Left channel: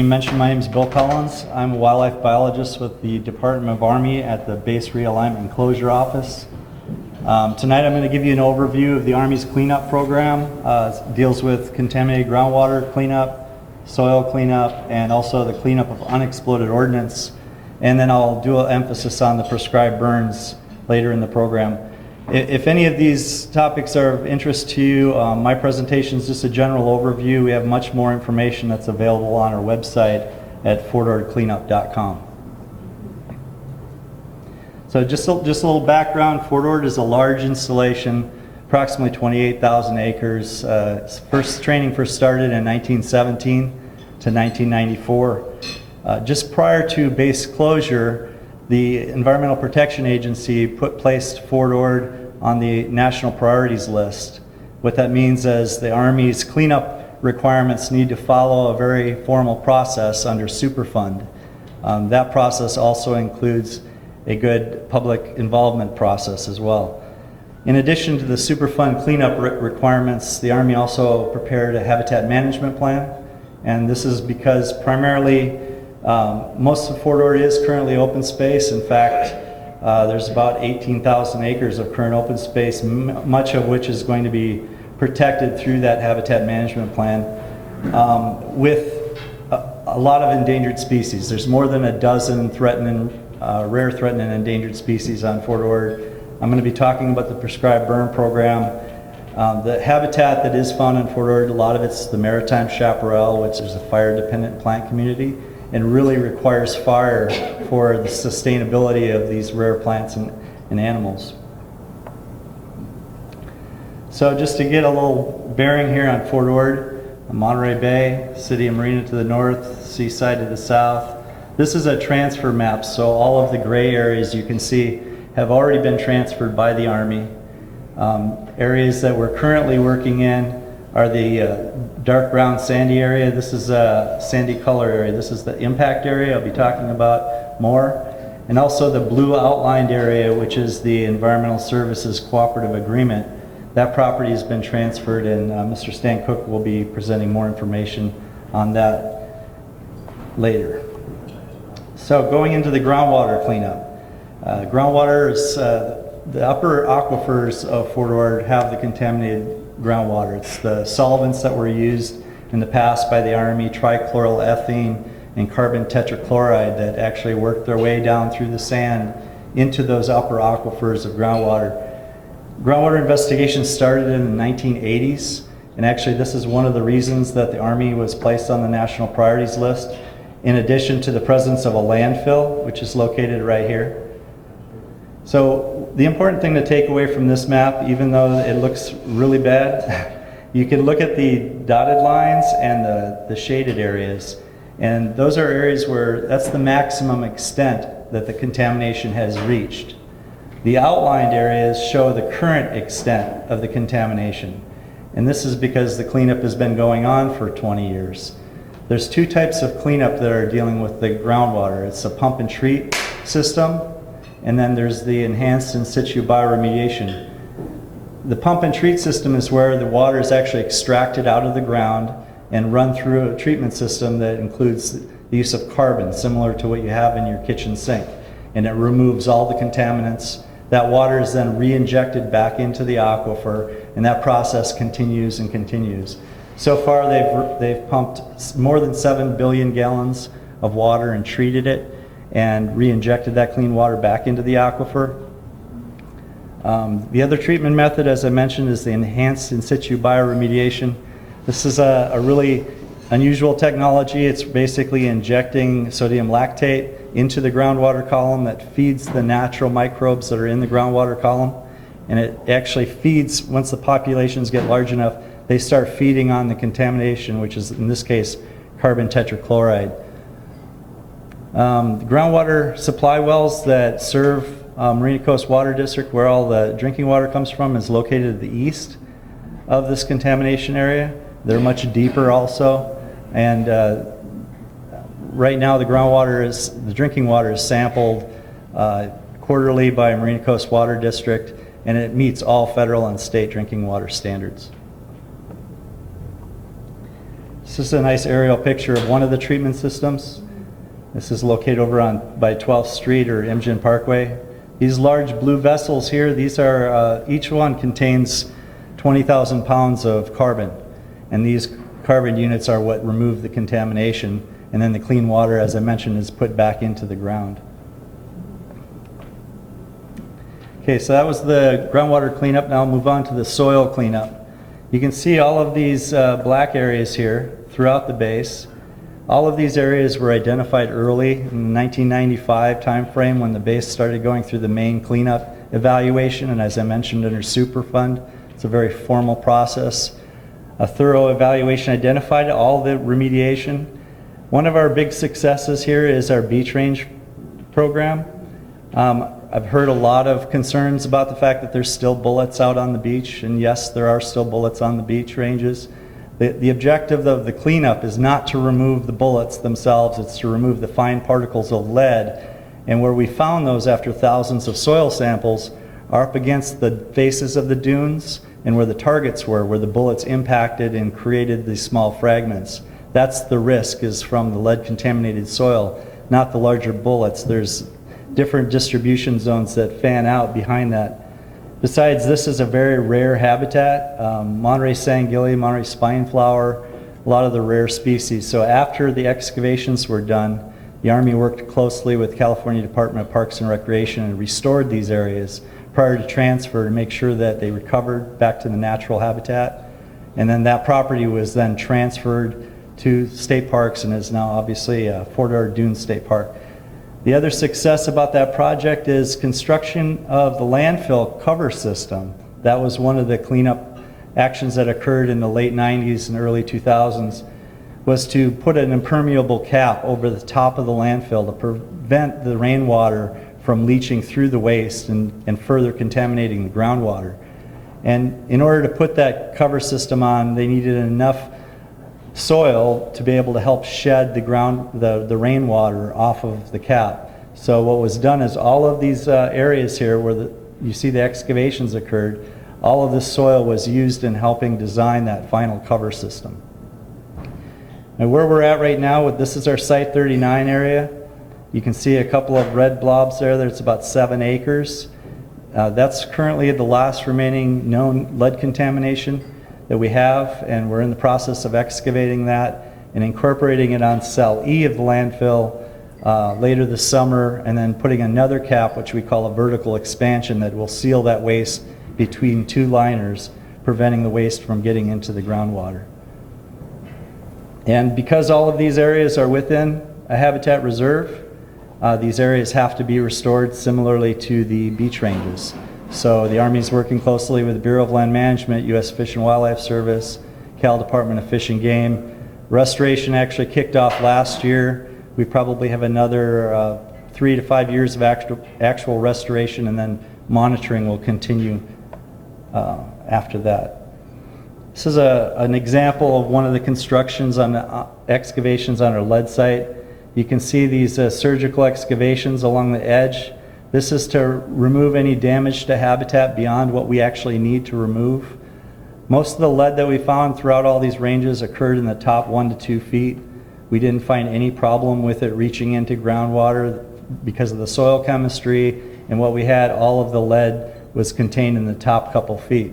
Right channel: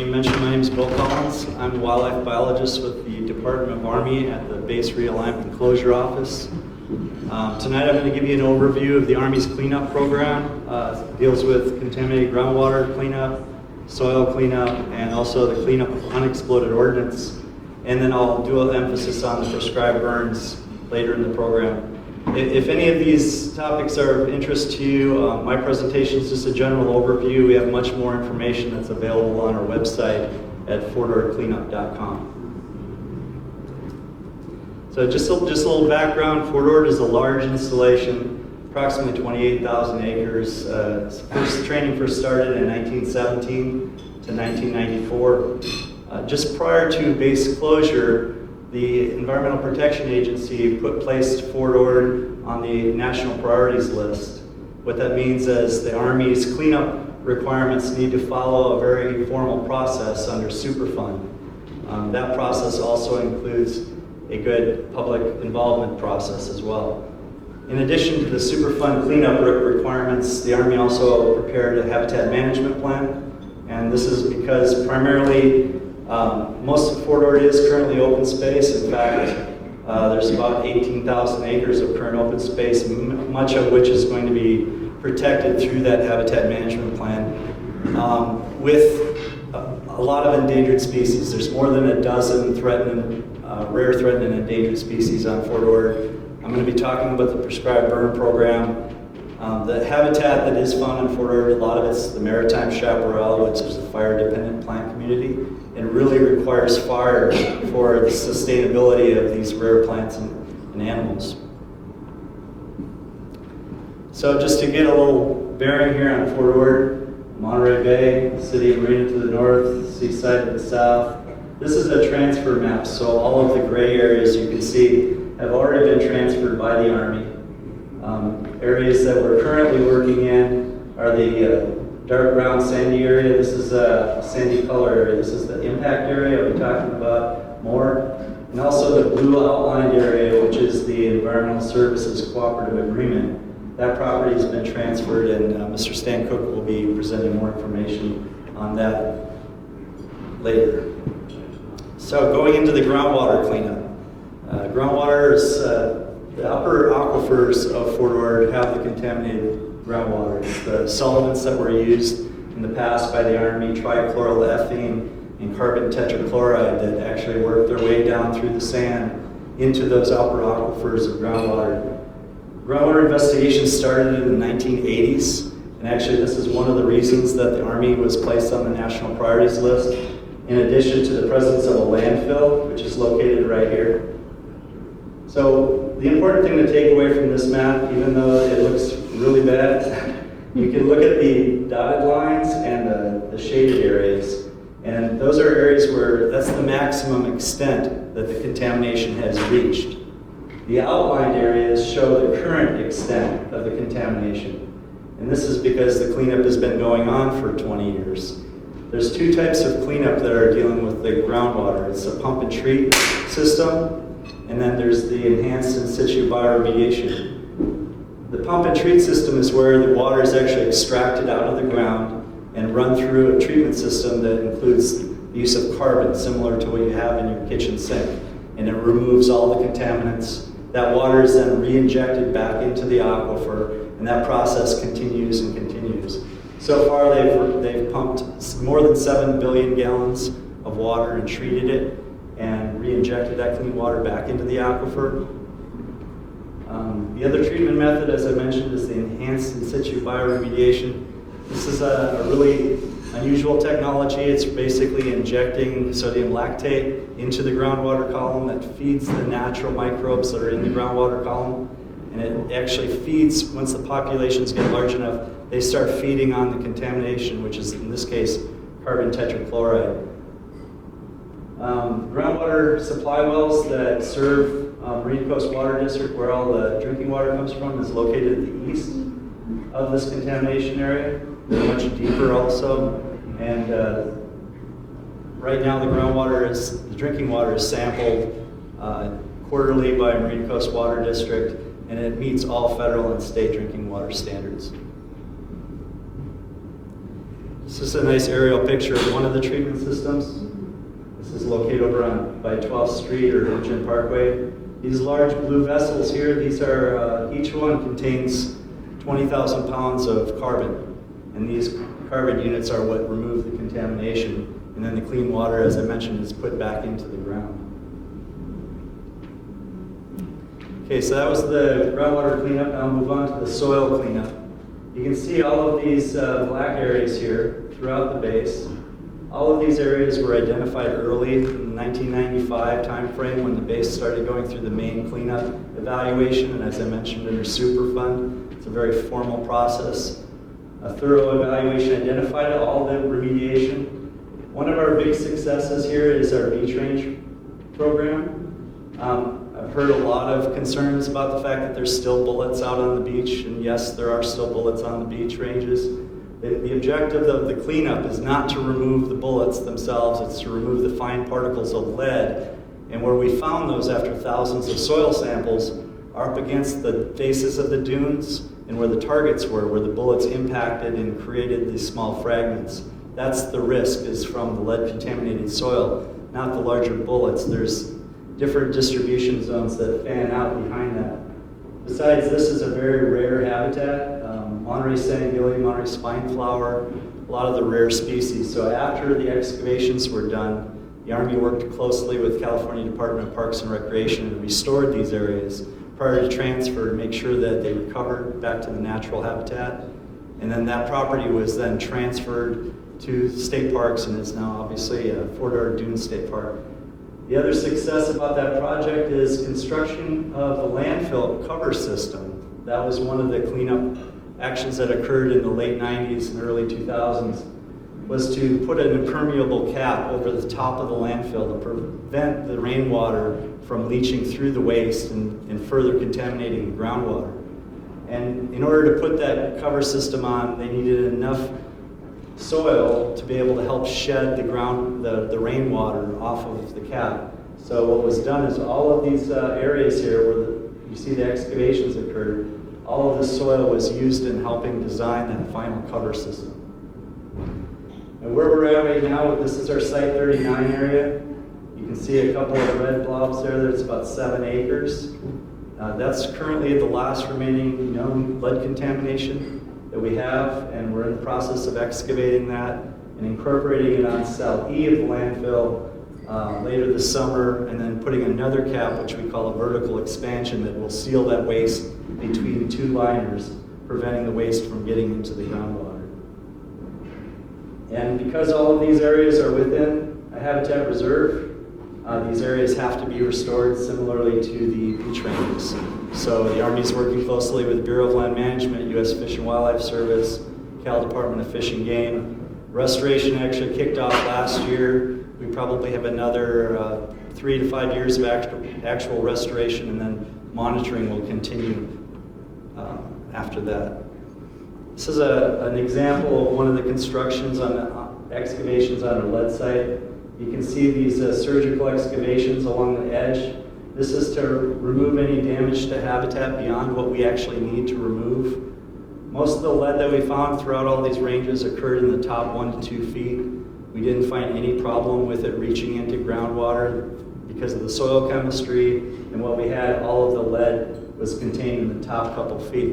You mentioned my name is Bill Collins. I'm a wildlife biologist with the Department of Army at the Base Realignment and Closure Office. Tonight I'm going to give you an overview of the Army's cleanup program. It deals with contaminated groundwater cleanup, soil cleanup, and also the cleanup of unexploded ordnance. And then I'll do an emphasis on the prescribed burns later in the program. If any of these topics are of interest to you, my presentation is just a general overview. We have much more information that's available on our website at fortordcleanup.com. So just a little background. Fort Ord is a large installation, approximately 28,000 acres. Training first started in 1917 to 1994. Just prior to base closure, the Environmental Protection Agency placed Fort Ord on the national priorities list. What that means is the Army's cleanup requirements need to follow a very formal process under Superfund. That process also includes a good public involvement process as well. In addition to the Superfund cleanup requirements, the Army also prepared a habitat management plan, and this is because primarily most of Fort Ord is currently open space. In fact, there's about 18,000 acres of current open space, much of which is going to be protected through that habitat management plan with a lot of endangered species. There's more than a dozen rare, threatened, and endangered species on Fort Ord. I'm going to be talking about the prescribed burn program. The habitat that is found in Fort Ord, a lot of it's the maritime chaparral, which is a fire-dependent plant community, and really requires fire for the sustainability of these rare plants and animals. So just to get a little bearing here on Fort Ord, Monterey Bay, City of Marina to the north, seaside to the south. This is a transfer map, so all of the gray areas you can see have already been transferred by the Army. Areas that we're currently working in are the dark brown sandy area. This is a sandy color area. This is the impact area I'll be talking about more. And also the blue outlined area, which is the Environmental Services Cooperative Agreement. That property has been transferred, and Mr. Stan Cook will be presenting more information on that later. So going into the groundwater cleanup. Groundwater is, the upper aquifers of Fort Ord have the contaminated groundwater. It's the solvents that were used in the past by the Army, trichloroethene and carbon tetrachloride, that actually worked their way down through the sand into those upper aquifers of groundwater. Groundwater investigations started in the 1980s, and actually this is one of the reasons that the Army was placed on the national priorities list, in addition to the presence of a landfill, which is located right here. So the important thing to take away from this map, even though it looks really bad, you can look at the dotted lines and the shaded areas. And those are areas where that's the maximum extent that the contamination has reached. The outlined areas show the current extent of the contamination. And this is because the cleanup has been going on for 20 years. There's two types of cleanup that are dealing with the groundwater. It's a pump and treat system, and then there's the enhanced in situ bioremediation. The pump and treat system is where the water is actually extracted out of the ground and run through a treatment system that includes the use of carbon, similar to what you have in your kitchen sink. And it removes all the contaminants. That water is then re-injected back into the aquifer, and that process continues and continues. So far they've pumped more than 7 billion gallons of water and treated it and re-injected that clean water back into the aquifer. The other treatment method, as I mentioned, is the enhanced in situ bioremediation. This is a really unusual technology. It's basically injecting sodium lactate into the groundwater column that feeds the natural microbes that are in the groundwater column. And it actually feeds, once the populations get large enough, they start feeding on the contamination, which is in this case carbon tetrachloride. Groundwater supply wells that serve Marina Coast Water District, where all the drinking water comes from, is located at the east of this contamination area. They're much deeper also, and right now the drinking water is sampled quarterly by Marina Coast Water District, and it meets all federal and state drinking water standards. This is a nice aerial picture of one of the treatment systems. This is located over by 12th Street or Imgen Parkway. These large blue vessels here, these are, each one contains 20,000 pounds of carbon. And these carbon units are what remove the contamination. And then the clean water, as I mentioned, is put back into the ground. Okay, so that was the groundwater cleanup. Now I'll move on to the soil cleanup. You can see all of these black areas here throughout the base. All of these areas were identified early in the 1995 timeframe when the base started going through the main cleanup evaluation, and as I mentioned, under Superfund. It's a very formal process. A thorough evaluation identified all the remediation. One of our big successes here is our beach range program. I've heard a lot of concerns about the fact that there's still bullets out on the beach, and yes, there are still bullets on the beach ranges. The objective of the cleanup is not to remove the bullets themselves, it's to remove the fine particles of lead. And where we found those after thousands of soil samples are up against the faces of the dunes and where the targets were, where the bullets impacted and created these small fragments. That's the risk, is from the lead contaminated soil, not the larger bullets. There's different distribution zones that fan out behind that. Besides, this is a very rare habitat. Monterey sangillia, Monterey spineflower, a lot of the rare species. So after the excavations were done, the Army worked closely with California Department of Parks and Recreation and restored these areas prior to transfer to make sure that they recovered back to the natural habitat. And then that property was then transferred to state parks and is now obviously Fort Ord Dunes State Park. The other success about that project is construction of the landfill cover system. That was one of the cleanup actions that occurred in the late 90s and early 2000s, was to put an impermeable cap over the top of the landfill to prevent the rainwater from leaching through the waste and further contaminating the groundwater. And in order to put that cover system on, they needed enough soil to be able to help shed the rainwater off of the cap. So what was done is all of these areas here where you see the excavations occurred, all of the soil was used in helping design that final cover system. And where we're at right now, this is our Site 39 area. You can see a couple of red blobs there. That's about 7 acres. That's currently the last remaining known lead contamination that we have, and we're in the process of excavating that and incorporating it on cell E of the landfill later this summer, and then putting another cap, which we call a vertical expansion, that will seal that waste between two liners, preventing the waste from getting into the groundwater. And because all of these areas are within a habitat reserve, these areas have to be restored similarly to the beach ranges. So the Army's working closely with Bureau of Land Management, U.S. Fish and Wildlife Service, Cal Department of Fish and Game. Restoration actually kicked off last year. We probably have another 3 to 5 years of actual restoration, and then monitoring will continue after that. This is an example of one of the constructions on the excavations on our lead site. You can see these surgical excavations along the edge. This is to remove any damage to habitat beyond what we actually need to remove. Most of the lead that we found throughout all these ranges occurred in the top 1 to 2 feet. We didn't find any problem with it reaching into groundwater because of the soil chemistry, and what we had, all of the lead was contained in the top couple feet.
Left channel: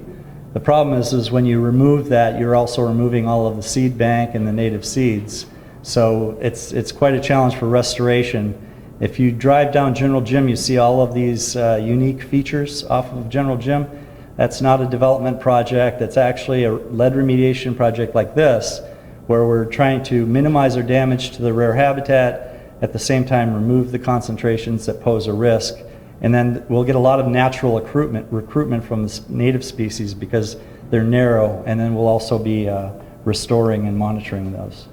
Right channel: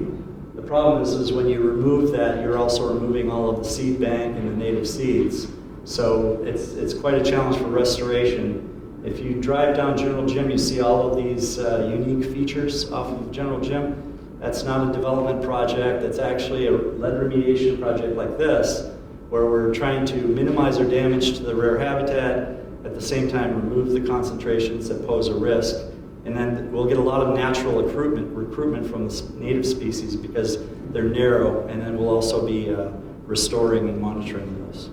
The problem is when you remove that, you're also removing all of the seed bank and the native seeds. So it's quite a challenge for restoration. If you drive down General Gym, you see all of these unique features off of General Gym. That's not a development project. It's actually a lead remediation project like this, where we're trying to minimize our damage to the rare habitat, at the same time remove the concentrations that pose a risk. And then we'll get a lot of natural recruitment from the native species because they're narrow, and then we'll also be restoring and monitoring those.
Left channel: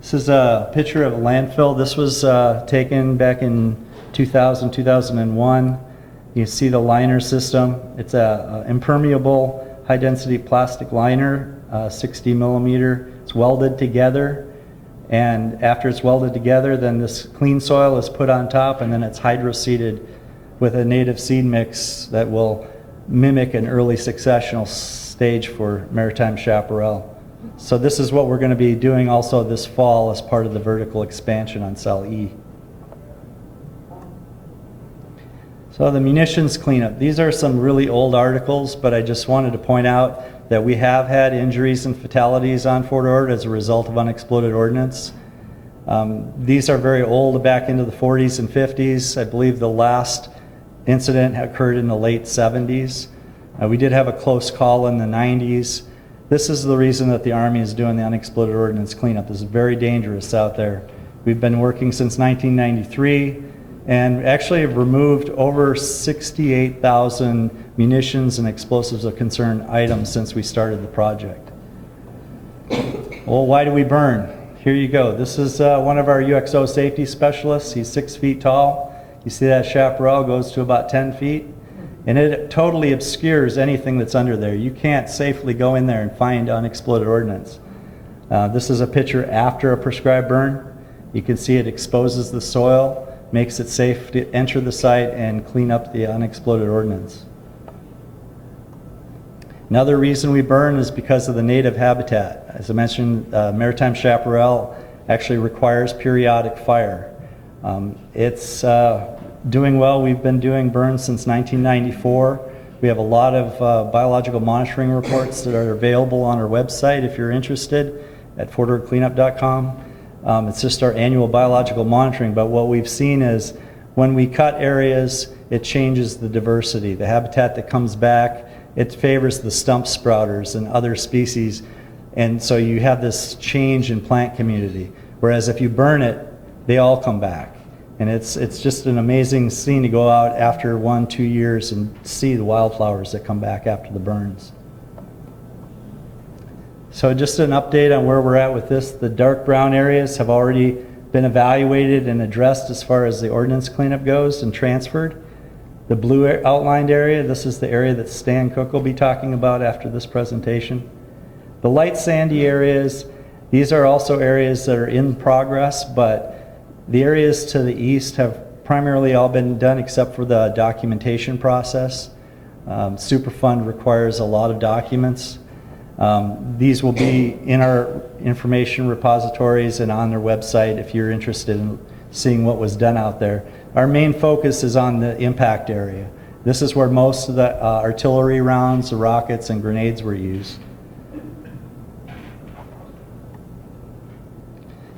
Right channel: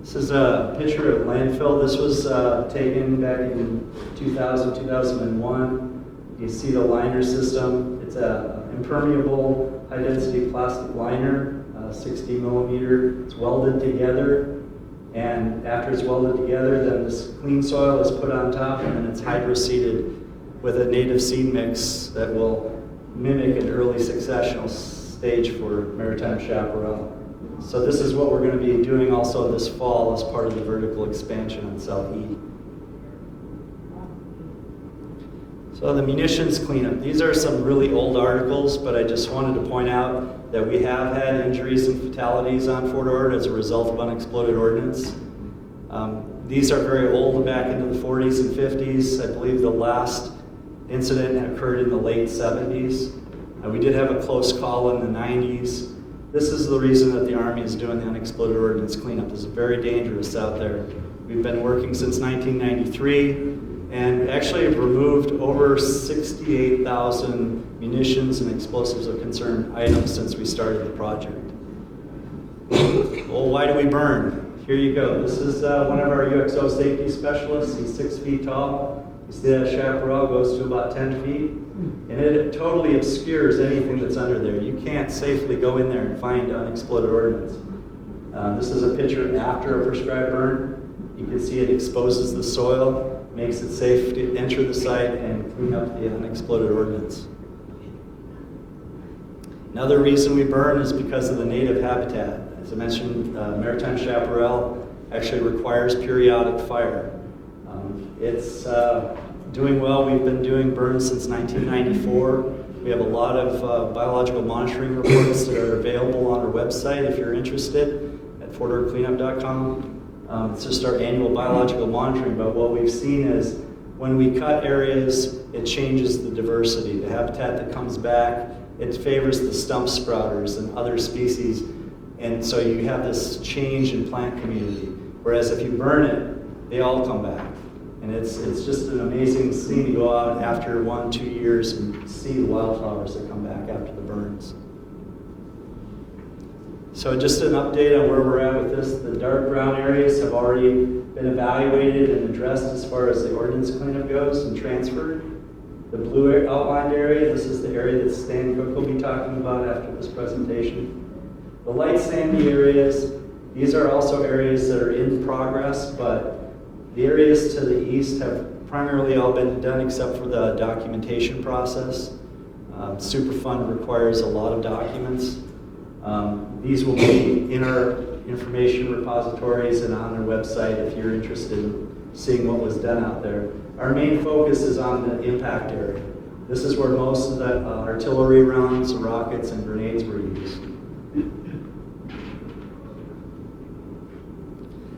This is a picture of a landfill. This was taken back in 2000, 2001. You see the liner system. It's a impermeable high-density plastic liner, 60 millimeter. It's welded together, and after it's welded together, then this clean soil is put on top, and then it's hydroseeded with a native seed mix that will mimic an early successional stage for maritime chaparral. So this is what we're going to be doing also this fall as part of the vertical expansion on cell E. So the munitions cleanup, these are some really old articles, but I just wanted to point out that we have had injuries and fatalities on Fort Ord as a result of unexploded ordnance. These are very old, back into the 40s and 50s. I believe the last incident occurred in the late 70s. We did have a close call in the 90s. This is the reason that the Army is doing the unexploded ordnance cleanup. It's very dangerous out there. We've been working since 1993. And actually have removed over 68,000 munitions and explosives of concern items since we started the project. Well, why do we burn? Here you go. This is one of our UXO safety specialists. He's 6 feet tall. You see that chaparral goes to about 10 feet. And it totally obscures anything that's under there. You can't safely go in there and find unexploded ordnance. This is a picture after a prescribed burn. You can see it exposes the soil, makes it safe to enter the site and clean up the unexploded ordnance. Another reason we burn is because of the native habitat. As I mentioned, maritime chaparral actually requires periodic fire. It's doing well. We've been doing burns since 1994. We have a lot of biological monitoring reports that are available on our website if you're interested at fortordcleanup.com. It's just our annual biological monitoring, but what we've seen is when we cut areas, it changes the diversity. The habitat that comes back, it favors the stump sprouters and other species, and so you have this change in plant community. Whereas if you burn it, they all come back. And it's just an amazing scene to go out after 1-2 years and see the wildflowers that come back after the burns. So just an update on where we're at with this. The dark brown areas have already been evaluated and addressed as far as the ordnance cleanup goes and transferred. The blue outlined area, this is the area that Stan Cook will be talking about after this presentation. The light sandy areas, these are also areas that are in progress, but the areas to the east have primarily all been done except for the documentation process. Superfund requires a lot of documents. These will be in our information repositories and on their website if you're interested in seeing what was done out there. Our main focus is on the impact area. This is where most of the artillery rounds, the rockets, and grenades were used.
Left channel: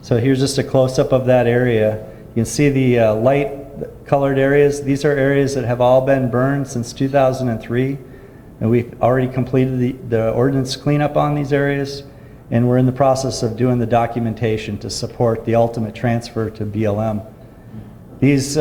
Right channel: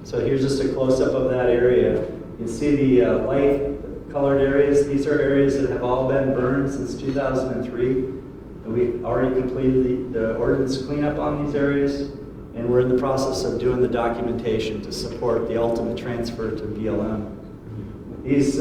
So here's just a close-up of that area. You can see the light colored areas. These are areas that have all been burned since 2003. And we've already completed the ordnance cleanup on these areas, and we're in the process of doing the documentation to support the ultimate transfer to BLM. These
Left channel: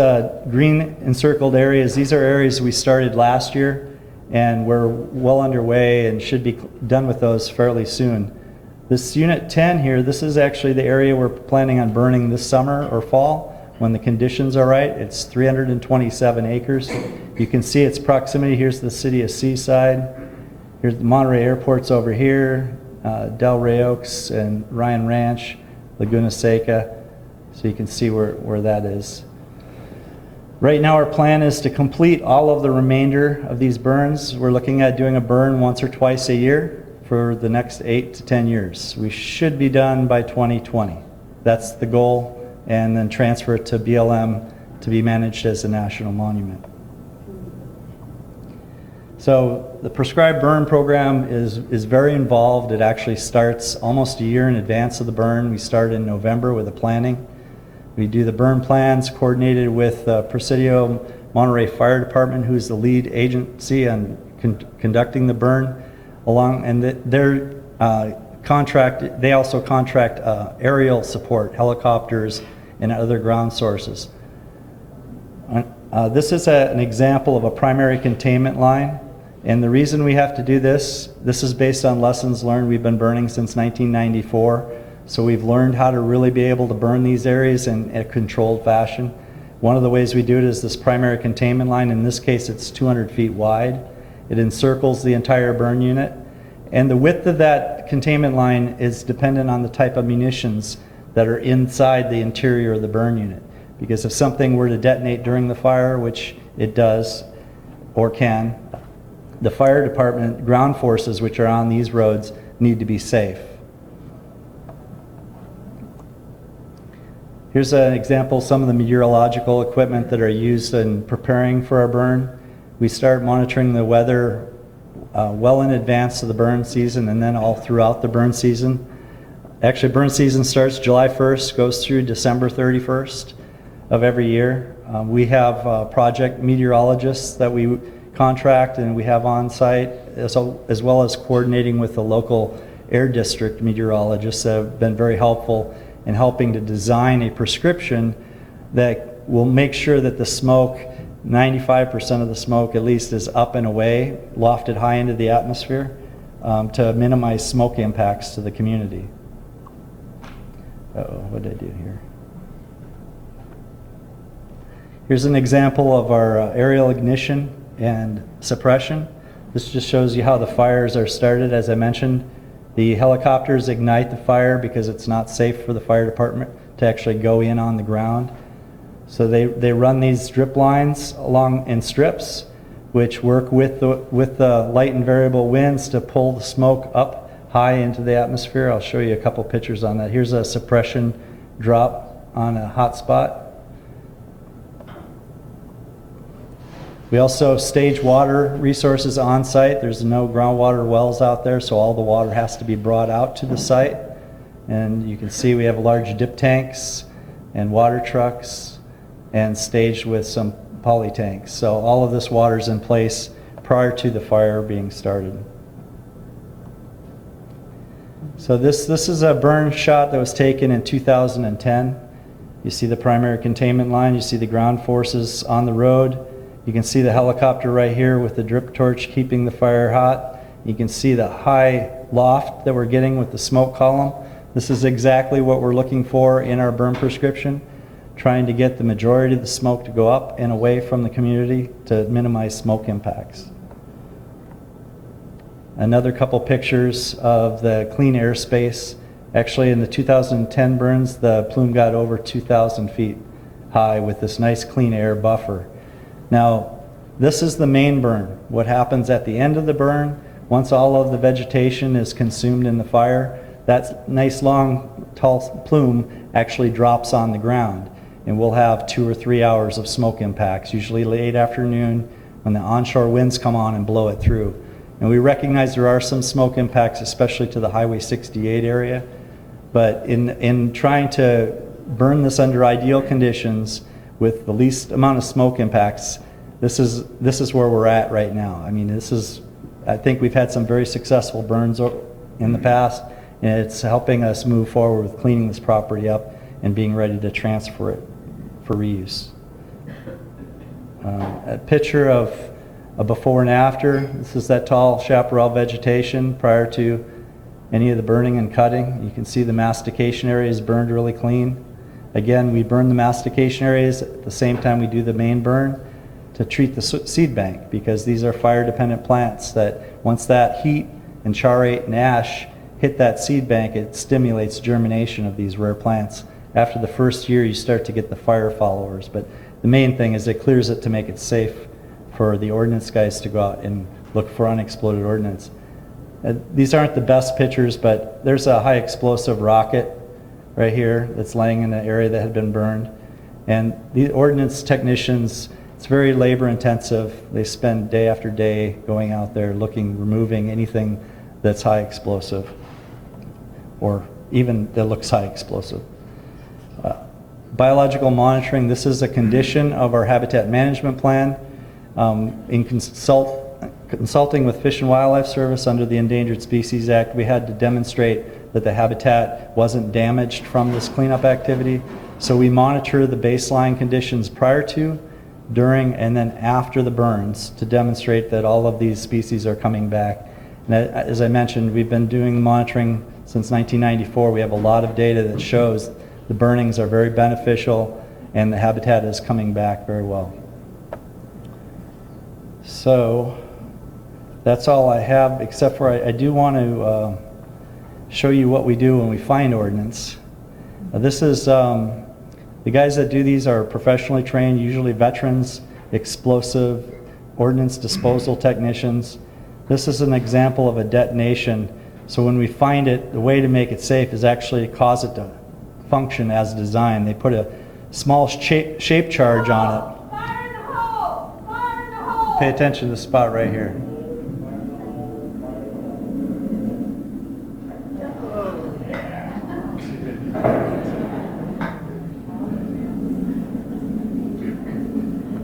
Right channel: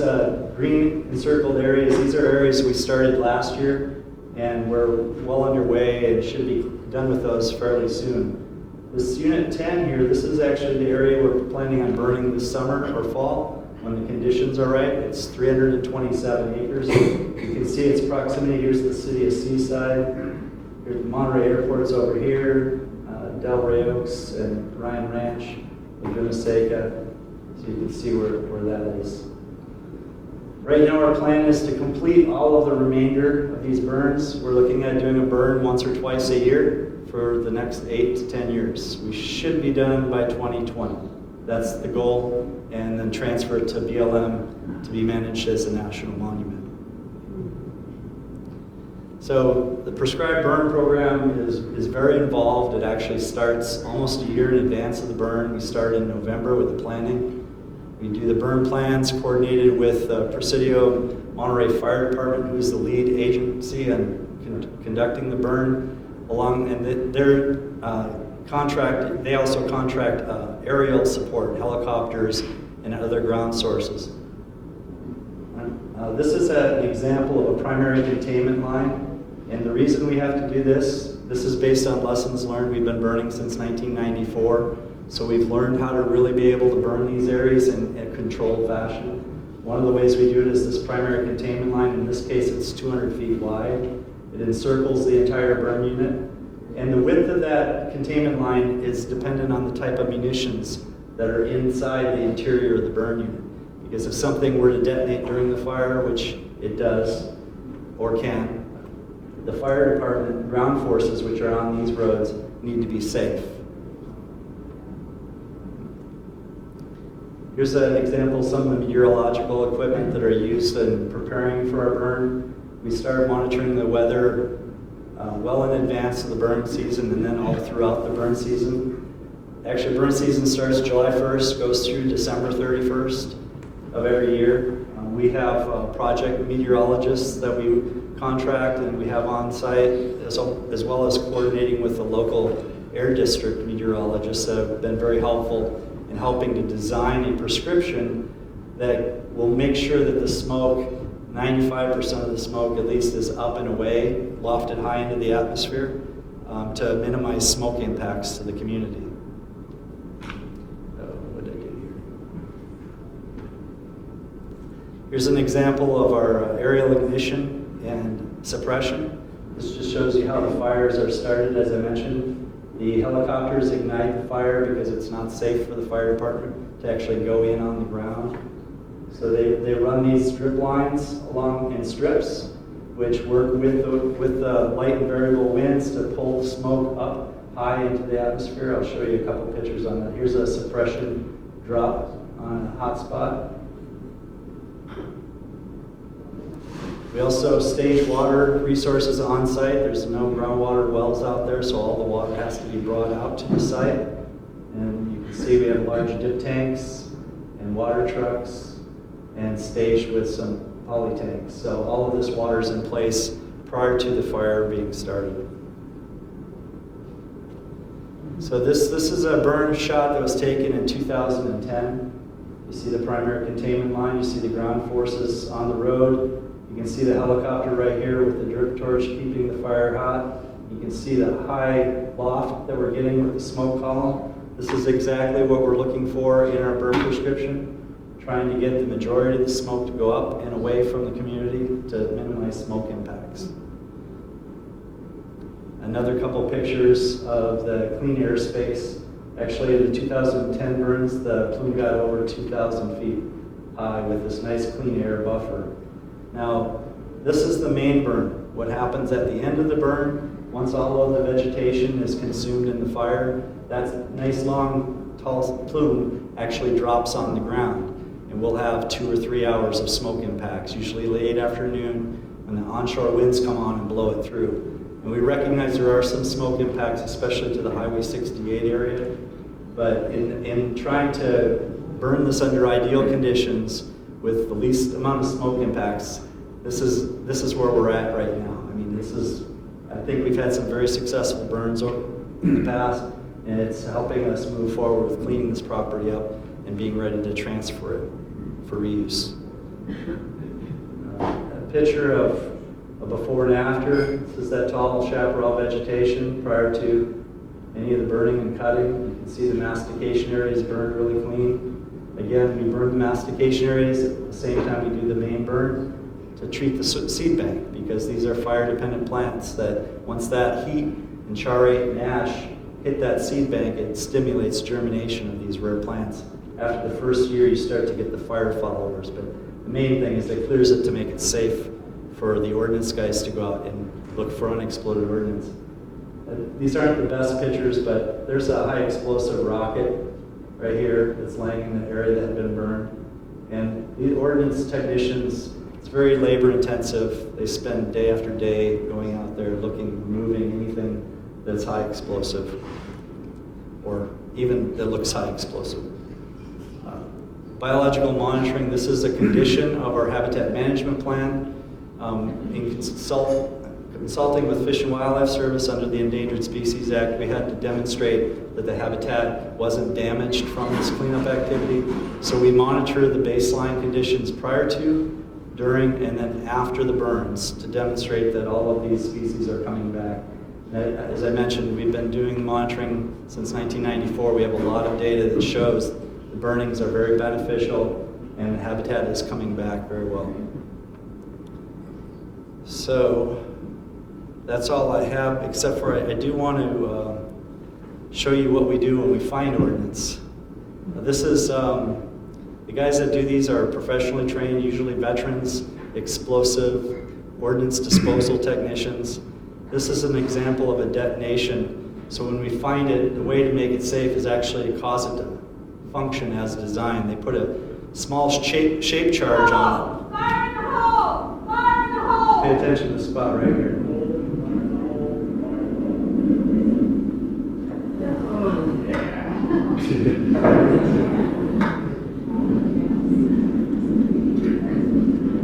green encircled areas, these are areas we started last year, and we're well underway and should be done with those fairly soon. This Unit 10 here, this is actually the area we're planning on burning this summer or fall when the conditions are right. It's 327 acres. You can see its proximity. Here's the city of Seaside. Here's the Monterey Airport's over here, Delray Oaks and Ryan Ranch, Laguna Seca. So you can see where that is. Right now our plan is to complete all of the remainder of these burns. We're looking at doing a burn once or twice a year for the next 8 to 10 years. We should be done by 2020. That's the goal. And then transfer it to BLM to be managed as a national monument. So the prescribed burn program is very involved. It actually starts almost a year in advance of the burn. We started in November with the planning. We do the burn plans coordinated with Presidio Monterey Fire Department, who's the lead agency on conducting the burn along, and their contract, they also contract aerial support, helicopters and other ground sources. This is an example of a primary containment line, and the reason we have to do this is based on lessons learned. We've been burning since 1994, so we've learned how to really be able to burn these areas in a controlled fashion. One of the ways we do it is this primary containment line. In this case, it's 200 feet wide. It encircles the entire burn unit, and the width of that containment line is dependent on the type of munitions that are inside the interior of the burn unit. Because if something were to detonate during the fire, which it does or can, the fire department, ground forces which are on these roads need to be safe. Here's an example of some of the meteorological equipment that are used in preparing for a burn. We start monitoring the weather well in advance of the burn season and then all throughout the burn season. Actually, burn season starts July 1st, goes through December 31st of every year. We have project meteorologists that we contract and we have on site, as well as coordinating with the local air district meteorologists that have been very helpful in helping to design a prescription that will make sure that the smoke, 95% of the smoke at least, is up and away, lofted high into the atmosphere to minimize smoke impacts to the community. Uh-oh, what did I do here? Here's an example of our aerial ignition and suppression. This just shows you how the fires are started. As I mentioned, the helicopters ignite the fire because it's not safe for the fire department to actually go in on the ground. So they run these drip lines along in strips, which work with the light and variable winds to pull the smoke up high into the atmosphere. I'll show you a couple pictures on that. Here's a suppression drop on a hot spot. We also stage water resources on site. There's no groundwater wells out there, so all the water has to be brought out to the site. And you can see we have large dip tanks and water trucks and staged with some poly tanks. So all of this water is in place prior to the fire being started. So this is a burn shot that was taken in 2010. You see the primary containment line, you see the ground forces on the road. You can see the helicopter right here with the drip torch keeping the fire hot. You can see the high loft that we're getting with the smoke column. This is exactly what we're looking for in our burn prescription, trying to get the majority of the smoke to go up and away from the community to minimize smoke impacts. Another couple pictures of the clean air space. Actually, in the 2010 burns, the plume got over 2,000 feet high with this nice clean air buffer. Now, this is the main burn. What happens at the end of the burn, once all of the vegetation is consumed in the fire, that nice long tall plume actually drops on the ground. And we'll have 2 or 3 hours of smoke impacts, usually late afternoon when the onshore winds come on and blow it through. And we recognize there are some smoke impacts, especially to the Highway 68 area. But in trying to burn this under ideal conditions with the least amount of smoke impacts, this is where we're at right now. I mean, I think we've had some very successful burns in the past, and it's helping us move forward with cleaning this property up and being ready to transfer it for reuse. A picture of a before and after. This is that tall chaparral vegetation prior to any of the burning and cutting. You can see the mastication areas burned really clean. Again, we burn the mastication areas at the same time we do the main burn to treat the seed bank, because these are fire-dependent plants that once that heat and charate and ash hit that seed bank, it stimulates germination of these rare plants. After the first year, you start to get the fire followers, but the main thing is it clears it to make it safe for the ordnance guys to go out and look for unexploded ordnance. These aren't the best pictures, but there's a high explosive rocket right here that's laying in an area that had been burned. And the ordnance technicians, it's very labor intensive. They spend day after day going out there looking, removing anything that's high explosive or even that looks high explosive. Biological monitoring, this is a condition of our habitat management plan. In consulting with Fish and Wildlife Service under the Endangered Species Act, we had to demonstrate that the habitat wasn't damaged from this cleanup activity. So we monitor the baseline conditions prior to, during, and then after the burns to demonstrate that all of these species are coming back. And as I mentioned, we've been doing monitoring since 1994. We have a lot of data that shows the burnings are very beneficial and the habitat is coming back very well. So that's all I have, except for I do want to show you what we do when we find ordnance. This is, the guys that do these are professionally trained, usually veterans, explosive, ordnance disposal technicians. This is an example of a detonation. So when we find it, the way to make it safe is actually cause it to function as designed. They put a small shape charge on it. Fire in the hole! Fire in the hole! Pay attention to the spot right here.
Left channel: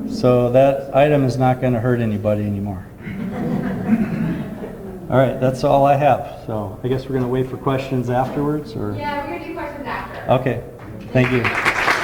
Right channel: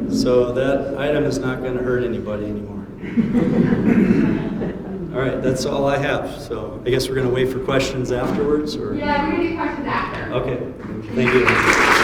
So that item is not going to hurt anybody anymore. All right, that's all I have. So I guess we're going to wait for questions afterwards, or? Yeah, we're going to do questions after. Okay, thank you.